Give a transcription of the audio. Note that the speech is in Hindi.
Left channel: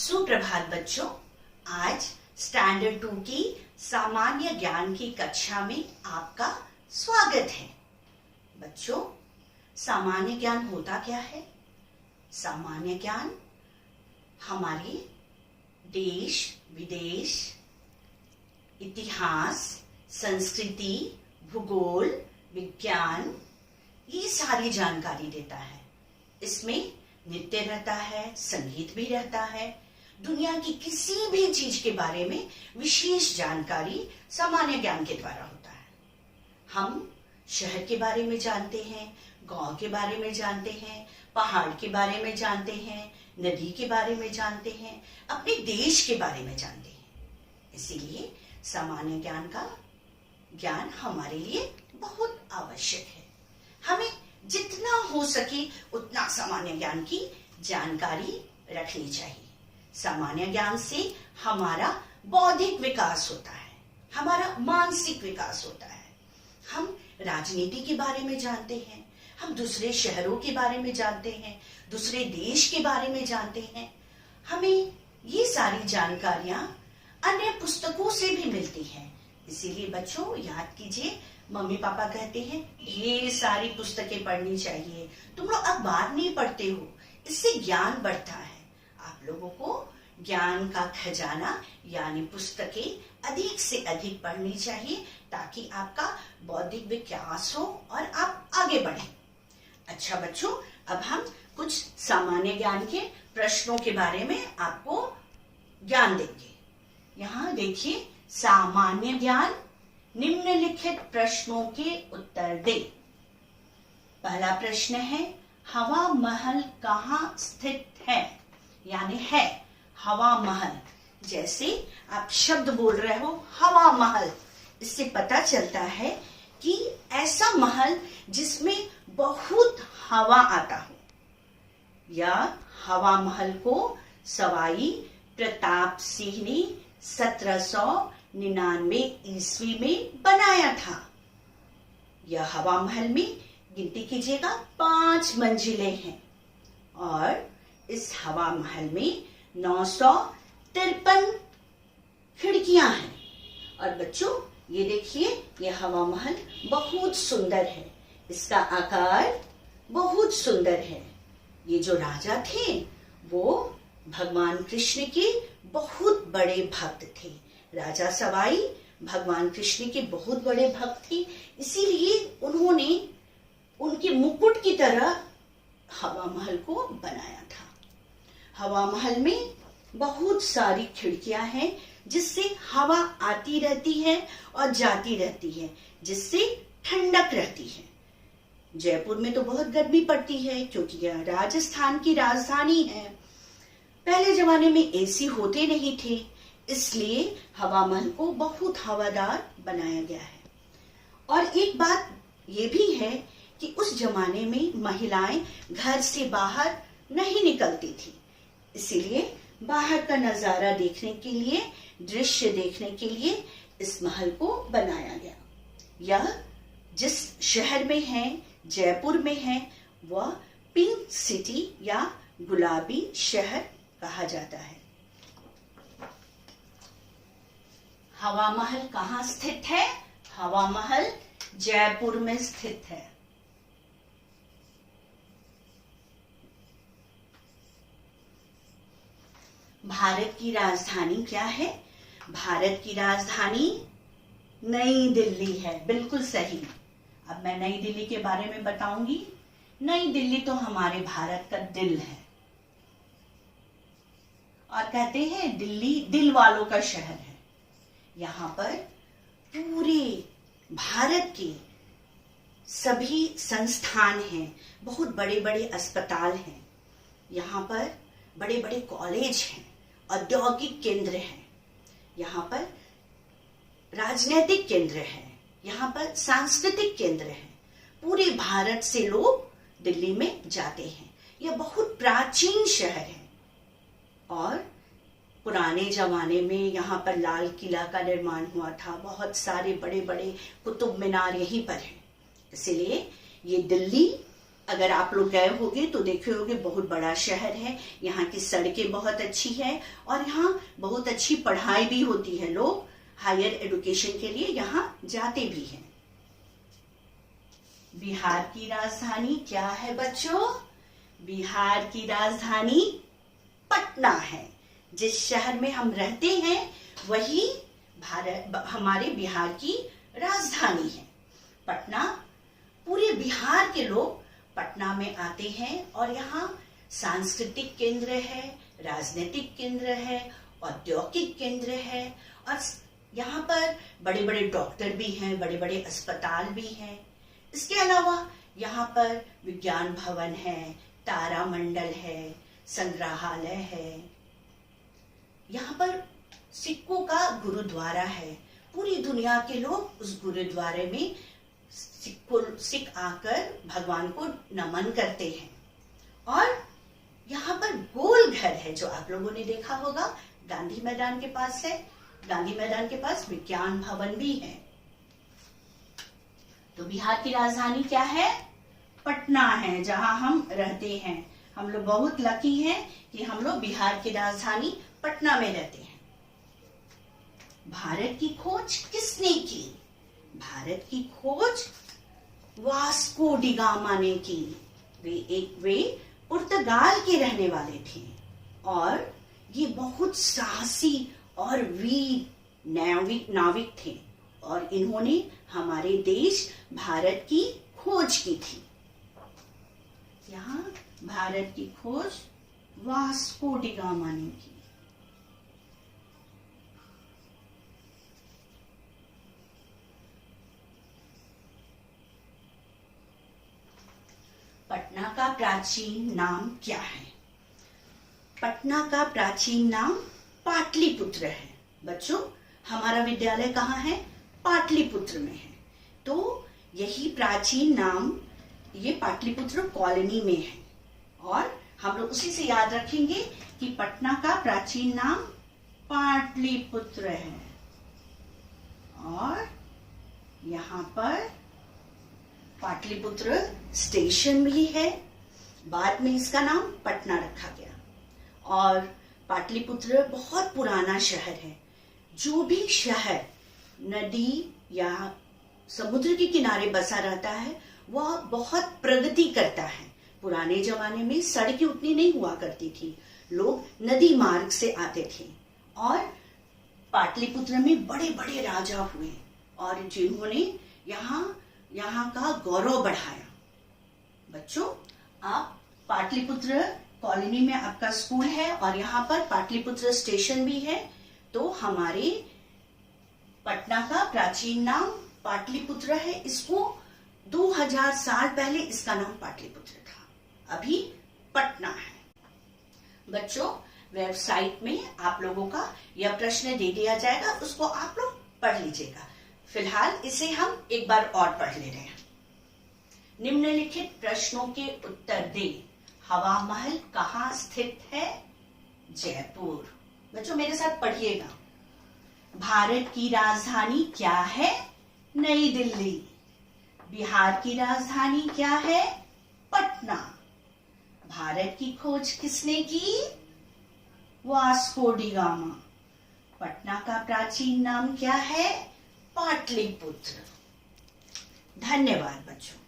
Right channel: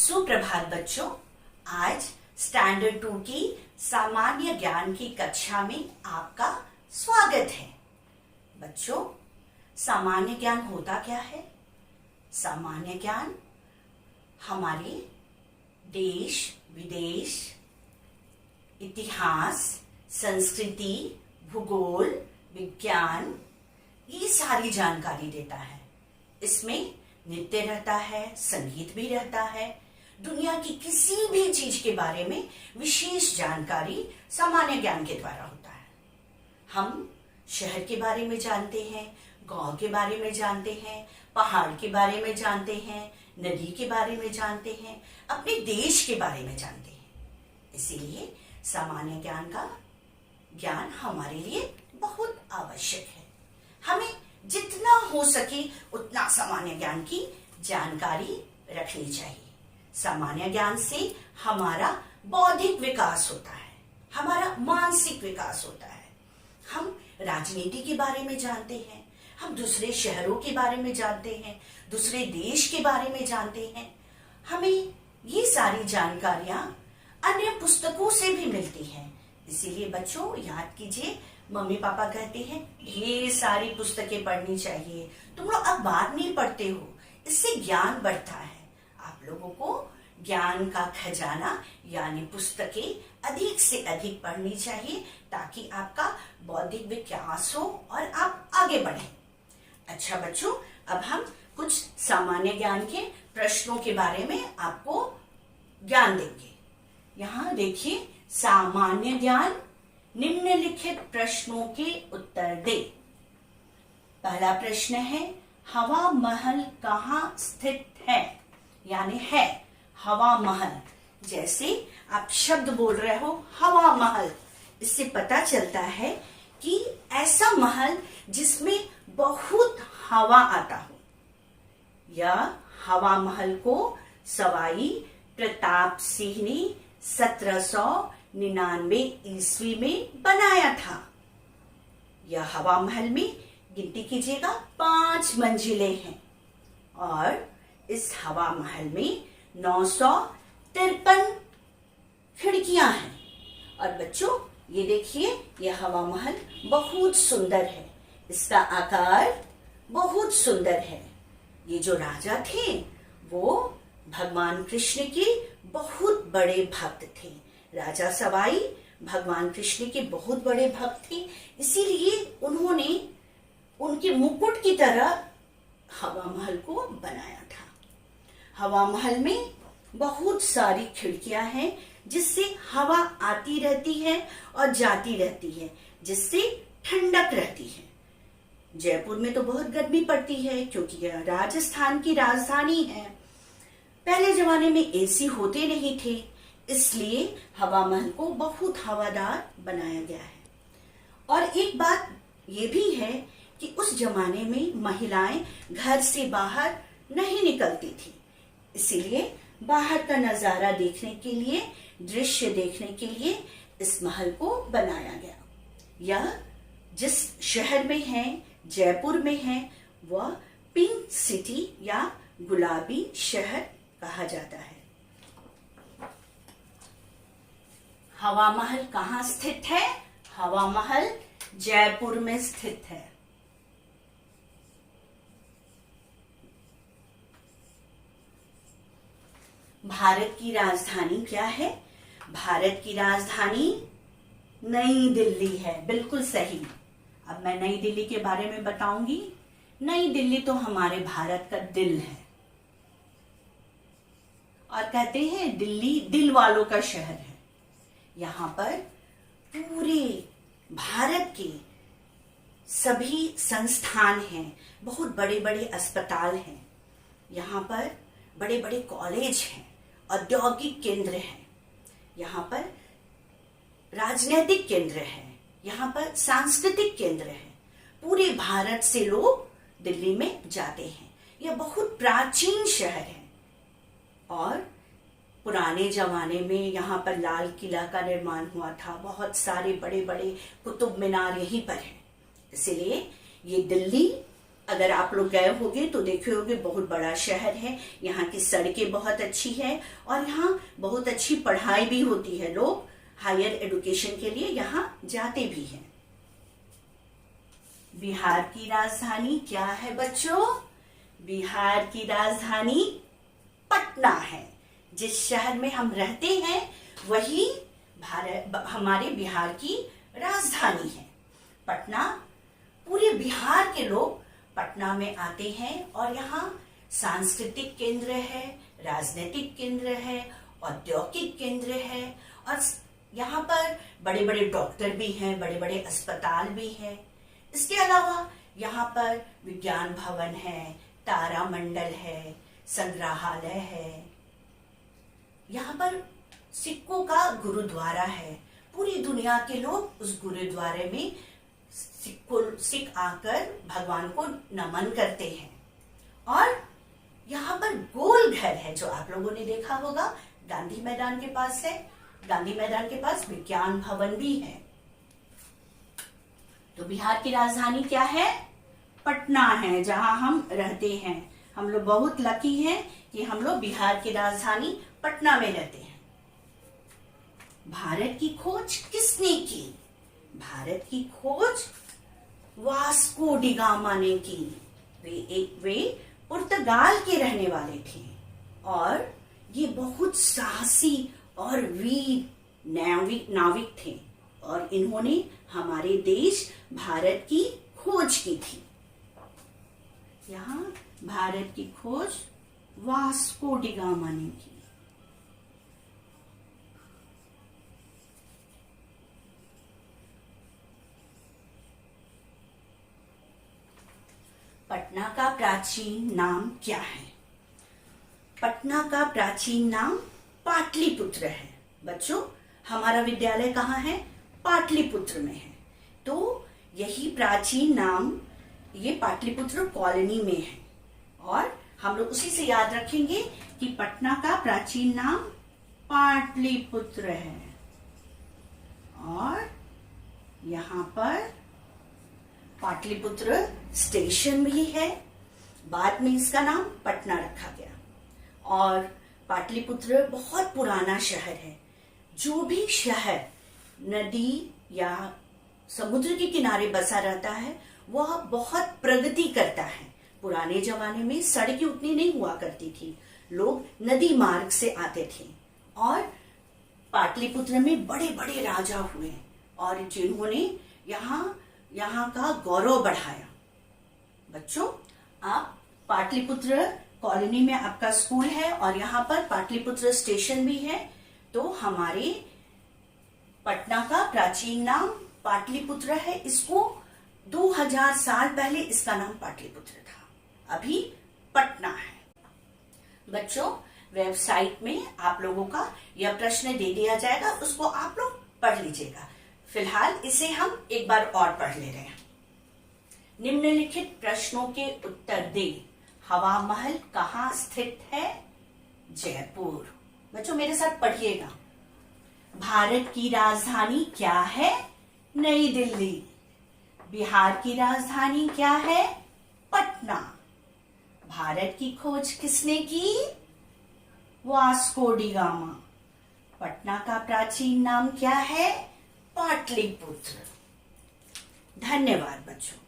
सुप्रभात बच्चों। आज स्टैंडर्ड 2 की सामान्य ज्ञान की कक्षा में आपका स्वागत है। बच्चों, सामान्य ज्ञान होता क्या है? सामान्य ज्ञान हमारे देश विदेश, इतिहास, संस्कृति, भूगोल, विज्ञान, ये सारी जानकारी देता है। इसमें नृत्य रहता है, संगीत भी रहता है। दुनिया की किसी भी चीज के बारे में विशेष जानकारी सामान्य ज्ञान के द्वारा होता है। हम शहर के बारे में जानते हैं, गांव के बारे में जानते हैं, पहाड़ के बारे में जानते हैं, नदी के बारे में जानते हैं, अपने देश के बारे में जानते हैं। इसीलिए सामान्य ज्ञान का ज्ञान हमारे लिए बहुत आवश्यक है। हमें जितना हो सके उतना सामान्य ज्ञान की जानकारी रखनी चाहिए। सामान्य ज्ञान से हमारा बौद्धिक विकास होता है, हमारा मानसिक विकास होता है। हम राजनीति के बारे में जानते हैं, हम दूसरे शहरों के बारे में जानते हैं, दूसरे देश के बारे में जानते हैं। हमें ये सारी जानकारियां अन्य पुस्तकों से भी मिलती हैं। इसीलिए बच्चों याद कीजिए, मम्मी पापा कहते हैं ढेर सारी पुस्तकें पढ़नी चाहिए। तुम लोग अखबार नहीं पढ़ते हो, इससे ज्ञान बढ़ता है। आप लोगों को ज्ञान का खजाना यानी पुस्तकें अधिक से अधिक पढ़नी चाहिए ताकि आपका बौद्धिक विकास हो और आप आगे बढ़ें। अच्छा बच्चों, अब हम कुछ सामान्य ज्ञान के प्रश्नों के बारे में आपको ज्ञान देंगे। यहाँ देखिए, सामान्य ज्ञान, निम्नलिखित प्रश्नों के उत्तर दे। पहला प्रश्न है, हवा महल कहाँ स्थित है? यानी है हवा महल। जैसे आप शब्द बोल रहे हो हवा महल, इससे पता चलता है कि ऐसा महल जिसमें बहुत हवा आता हो। या हवा महल को सवाई प्रताप सिंह ने 1799 ईस्वी में बनाया था। यह हवा महल में गिनती कीजिएगा 5 मंजिलें हैं और इस हवा महल में 953 खिड़कियां हैं। और बच्चों ये देखिए, यह हवा महल बहुत सुंदर है, इसका आकार बहुत सुंदर है। ये जो राजा थे वो भगवान कृष्ण के बहुत बड़े भक्त थे। राजा सवाई भगवान कृष्ण के बहुत बड़े भक्त थे, इसीलिए उन्होंने उनके मुकुट की तरह हवा महल को बनाया था। हवा महल में बहुत सारी खिड़कियां हैं जिससे हवा आती रहती है और जाती रहती है, जिससे ठंडक रहती है। जयपुर में तो बहुत गर्मी पड़ती है क्योंकि यह राजस्थान की राजधानी है। पहले जमाने में एसी होते नहीं थे, इसलिए हवा महल को बहुत हवादार बनाया गया है। और एक बात ये भी है कि उस जमाने में महिलाएं घर से बाहर नहीं निकलती थी, इसीलिए बाहर का नजारा देखने के लिए, दृश्य देखने के लिए इस महल को बनाया गया। यह जिस शहर में है, जयपुर में है, वह पिंक सिटी या गुलाबी शहर कहा जाता है। हवा महल कहाँ स्थित है? हवा महल जयपुर में स्थित है। भारत की राजधानी क्या है? भारत की राजधानी नई दिल्ली है। बिल्कुल सही। अब मैं नई दिल्ली के बारे में बताऊंगी। नई दिल्ली तो हमारे भारत का दिल है और कहते हैं दिल्ली दिल वालों का शहर है। यहाँ पर पूरे भारत के सभी संस्थान हैं, बहुत बड़े बड़े अस्पताल हैं, यहाँ पर बड़े बड़े कॉलेज हैं, औद्योगिक केंद्र हैं, यहाँ पर राजनीतिक केंद्र हैं, यहाँ पर सांस्कृतिक केंद्र हैं। पूरे भारत से लोग दिल्ली में जाते हैं। यह बहुत प्राचीन शहर है और पुराने जमाने में यहाँ पर लाल किला का निर्माण हुआ था। बहुत सारे बड़े बड़े कुतुब मीनार यहीं पर हैं। इसलिए ये दिल्ली अगर आप लोग गए होंगे तो देखे होंगे बहुत बड़ा शहर है, यहाँ की सड़कें बहुत अच्छी है और यहाँ बहुत अच्छी पढ़ाई भी होती है। लोग हायर एजुकेशन के लिए यहाँ जाते भी हैं। बिहार की राजधानी क्या है बच्चों? बिहार की राजधानी पटना है। जिस शहर में हम रहते हैं वही हमारे बिहार की राजधानी है। पटना, पूरे बिहार के लोग पटना में आते हैं और यहाँ सांस्कृतिक केंद्र है, राजनीतिक केंद्र है, औद्योगिक केंद्र है और यहाँ पर बड़े बड़े डॉक्टर भी हैं, बड़े बड़े अस्पताल भी हैं। इसके अलावा यहाँ पर विज्ञान भवन है, तारामंडल है, संग्रहालय है। यहाँ पर सिखों का गुरुद्वारा है। पूरी दुनिया के लोग उस गुरुद्वारे में सिख आकर भगवान को नमन करते हैं। और यहाँ पर गोल घर है जो आप लोगों ने देखा होगा, गांधी मैदान के पास है। गांधी मैदान के पास विज्ञान भवन भी है। तो बिहार की राजधानी क्या है? पटना है, जहां हम रहते हैं। हम लोग बहुत लकी हैं कि हम लोग बिहार की राजधानी पटना में रहते हैं। भारत की खोज किसने की? भारत की खोज वास्को डी गामा ने की। वे पुर्तगाल के रहने वाले थे और ये बहुत साहसी और वीर नाविक थे और इन्होंने हमारे देश भारत की खोज की थी। यहाँ भारत की खोज वास्को डी गामा ने की। पटना का प्राचीन नाम क्या है? पटना का प्राचीन नाम पाटलिपुत्र है। बच्चों, हमारा विद्यालय कहाँ है? पाटलिपुत्र में है। तो यही प्राचीन नाम ये पाटलिपुत्र कॉलोनी में है और हम लोग उसी से याद रखेंगे कि पटना का प्राचीन नाम पाटलिपुत्र है और यहाँ पर पाटलिपुत्र स्टेशन भी है। बाद में इसका नाम पटना रखा गया और पाटलिपुत्र बहुत पुराना शहर है। जो भी शहर नदी या समुद्र के किनारे बसा रहता है वह बहुत प्रगति करता है। पुराने जमाने में सड़कें उतनी नहीं हुआ करती थी, लोग नदी मार्ग से आते थे और पाटलिपुत्र में बड़े बड़े राजा हुए और जिन्होंने यहाँ का गौरव बढ़ाया। बच्चों, आप पाटलिपुत्र कॉलोनी में आपका स्कूल है और यहाँ पर पाटलिपुत्र स्टेशन भी है। तो हमारे पटना का प्राचीन नाम पाटलिपुत्र है। इसको 2000 साल पहले इसका नाम पाटलिपुत्र था, अभी पटना है। बच्चों, वेबसाइट में आप लोगों का यह प्रश्न दे दिया जाएगा, उसको आप लोग पढ़ लीजिएगा। फिलहाल इसे हम एक बार और पढ़ ले रहे हैं। निम्नलिखित प्रश्नों के उत्तर दें। हवा महल कहाँ स्थित है? जयपुर। बच्चों, मेरे साथ पढ़िएगा। भारत की राजधानी क्या है? नई दिल्ली। बिहार की राजधानी क्या है? पटना। भारत की खोज किसने की? Vasco D gamma. पटना का प्राचीन नाम क्या है? पाटलिपुत्र। धन्यवाद बच्चों।